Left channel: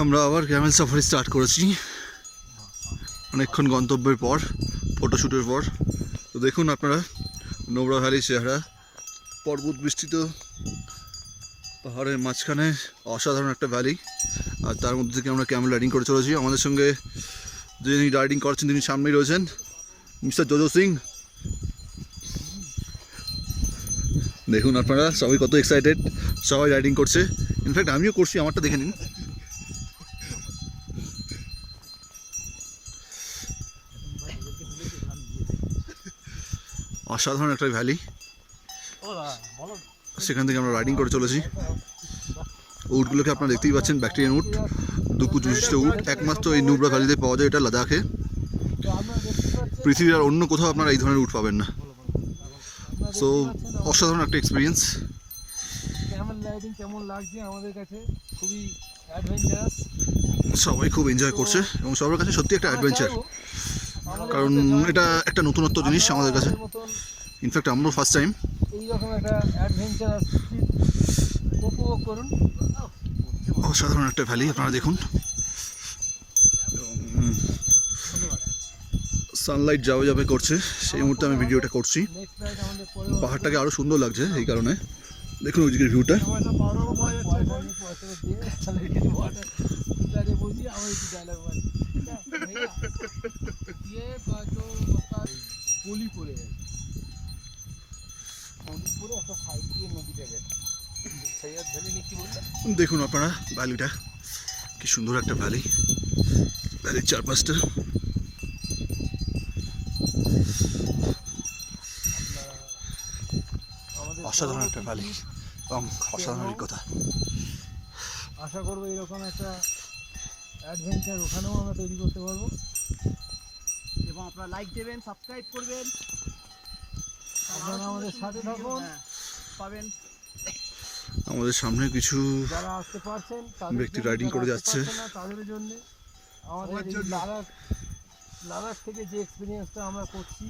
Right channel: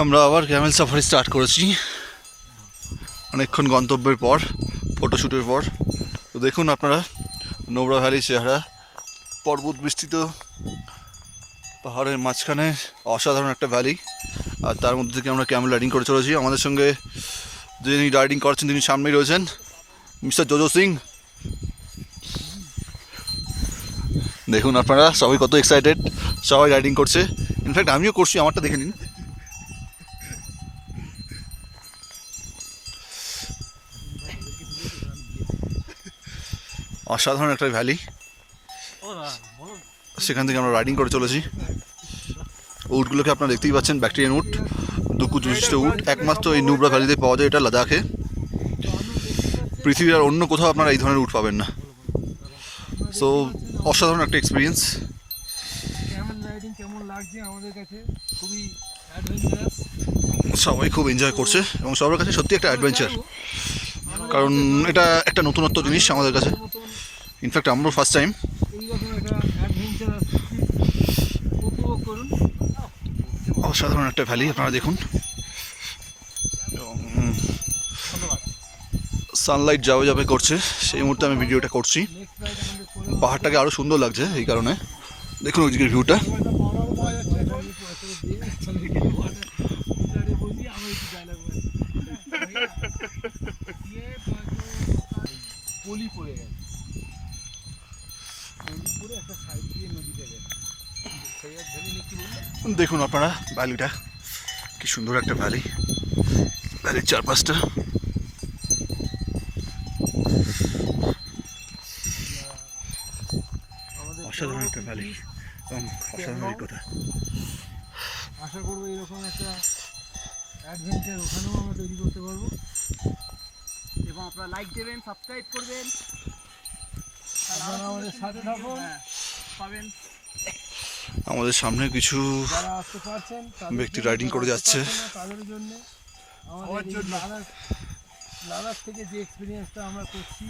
আমরা আবার Camel safari start করেছি অনেকক্ষণ গন্তব্যের পর, ফটোশ্যুটের পর। তো দেখুন আপনারা নোবরা ভ্যালি চেহারা, পর্বত বিস্তৃত পাহাড়ের মাঝখানে অসাধারণ একটা ভ্যালি, আর তার মধ্যে থেকে আমরা ক্যামেল রাইডিং করে চলেছি। আমাদের সঙ্গে যিনি রাইডিং করছেন তিনি সামনেই রয়েছেন, মিস্টার জোজো সিং। দেখুন আপনারা সবাই কত এক্সাইটেড, সবাই রাইডিং করছে, ইনফ্যাক্ট আমিও করছি, আমারটা দেখে নিন। অসাধারণ একটা ভ্যালি, সেখান থেকে আমরা রাইডিং করে চলেছি। উটগুলোকে আপনারা দেখতেই পাচ্ছেন, ব্যাকটেরিয়ান উট, দুকুচ বিশিষ্ট উট, একমাত্র এই নুব্রা ভ্যালিতে পাওয়া যায়, এটা লাদাখে। পৃথিবীর আর অন্য কোথাও আপনারা এই ধরনের উট পাবেন না। সো অসাধারণ একটা এক্সপিরিয়েন্স। ক্যামেল রাইডিং কেমন লাগছে আমাদের কাছে? খুবই অ্যাডভেঞ্চারাস, সবাই খুব এনজয় করছে এবং সবার কাছে সত্যি একটা অ্যাডভেঞ্চার, কারণ এটা একটা নতুনত্ব জিনিস আমাদের কাছে। ইনফ্যাক্ট আমরাও ফার্স্ট টাইম এইরকম একটা অ্যাডভেঞ্চারাস উপভোগ করুন। অসাধারণ একটা ভ্যালি আপনারা দেখুন। সানলাইট যাবে যাবে করছে, সেই মুহূর্তে আমি ভিডিওটা করছি। পাহাড়টাকে আরও সুন্দর লাগছে এই কারণে। দেখুন ওইদিকের ভিউটা। দেখুন আপনারা ভ্যালিটা, কি সুন্দর একটা ভ্যালি, ভ্যালির চারপাশটা। অসাধারণ একটা ভ্যালি এবং অসাধারণ অভিজ্ঞতা। আশা করবো এরকম একটা অ্যাডভেঞ্চার ওখানেও আমরা তৈরি করতে পারবো। এবং আপনারা লাইক দেবেন, সাবস্ক্রাইব করবেন, আপনারা আমাদের সাথে থাকুন, পাবেন। আমাদের সামনে কিছু যারা আসতে পারছেন ব্যক্তি রাইডিং করে যাচ্ছে তাদের জন্য আমাদের লাদাখ থেকে যে এক্সপিরিয়েন্সটা আমরা করছি